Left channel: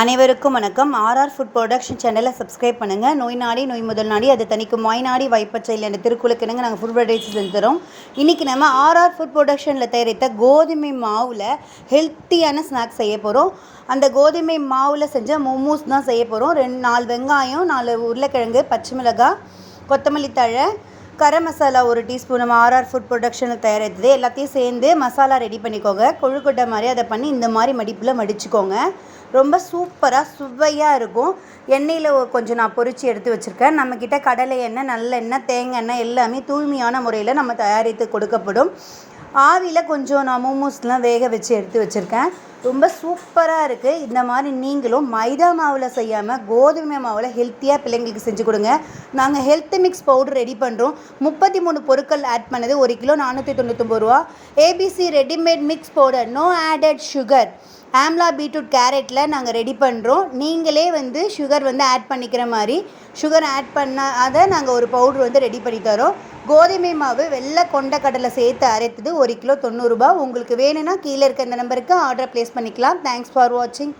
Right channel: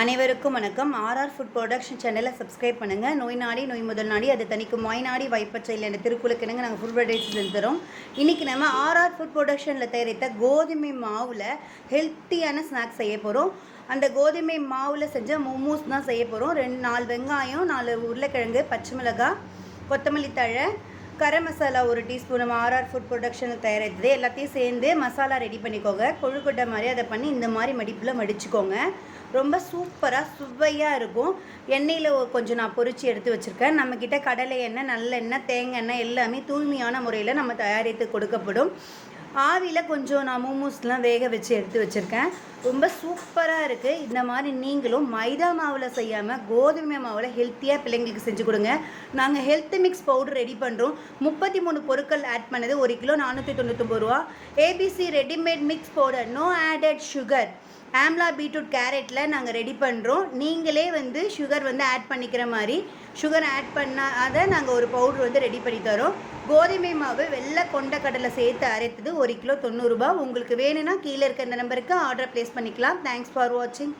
அனைவருக்கும் வணக்கம். RR food production சேனலை சப்ஸ்கிரைப் பண்ணுங்கள். நோய் நாடி நோய் முதல் நாடி அதை தணிக்கும் வாய் நாடி வாய்ப்பச்சையில் என்ற திருக்குறளுக்கு நாங்கள் ஃபுட் வெரைட்டிஸ் தரோம். இன்றைக்கி நம்ம ஆர்ஆர் ஃபுட் ப்ரொடக்ஷனில் தயாரித்த கோதுமை மாவில் ஹெல்த்தியான ஸ்நாக்ஸ் செய்ய போகிறோம். அந்த கோதுமை மாவில் செஞ்ச மோமோஸ் தான் செய்ய போகிறோம். 4 வெங்காயம், 4 உருளைக்கிழங்கு, பச்சை மிளகாய், கொத்தமல்லி தழை, கரம் மசாலா 1 டீஸ்பூன் நம்ம ஆர்ஆர் ஃபுட் ப்ரொடக்ஷனுக்கு தயாரித்தது எல்லாத்தையும் சேர்ந்து மசாலா ரெடி பண்ணிக்கோங்க. கொழுக்கட்டை மாதிரி அதை பண்ணி இந்த மாதிரி மடிப்பில் மடிச்சுக்கோங்க. ரொம்ப சூப்பராக சுவையாக இருக்கும். எண்ணெயில் கொஞ்சம் நான் பொரித்து எடுத்து வச்சுருக்கேன். நம்மக்கிட்ட கடலை எண்ணெய், நல்லெண்ணெய், தேங்காய் எண்ணெய் எல்லாமே தூய்மையான முறையில் நம்ம தயாரித்து கொடுக்கப்படும். ஆவியில் கொஞ்சம் நான் மோமோஸ்லாம் வேக வச்சு எடுத்து வச்சுருக்கேன். ரொம்ப சூப்பராக இருக்குது. இந்த மாதிரி நீங்களும் மைதா மாவில் செய்யாமல் கோதுமை மாவில் ஹெல்த்தியாக பிள்ளைங்களுக்கு செஞ்சு கொடுங்க. நாங்கள் ஹெல்த் மிக்ஸ் பவுடர் ரெடி பண்ணுறோம். 33 பொருட்கள் ஆட் பண்ணது 1 கிலோ 499 ரூபா. ABC readymade mix powder, no added sugar, amla, beetroot, கேரட்டில் நாங்கள் ரெடி பண்ணுறோம். நீங்களே சுகர் ஆட் பண்ணிக்கிற மாதிரி சுகர் ஆட் பண்ணாத நாங்கள் ஒரு பவுடர் ரெடி பண்ணி தரோம். கோதுமை மாவு வெள்ளை கொண்ட கடலை சேர்த்து அரைத்தது 1 கிலோ 90 ரூபா. உங்களுக்கு வேணும்னா கீழே இருக்க இந்த நம்பருக்கு ஆர்டர் ப்ளேஸ் பண்ணிக்கலாம். தேங்க்ஸ் ஃபார் வாட்சிங்.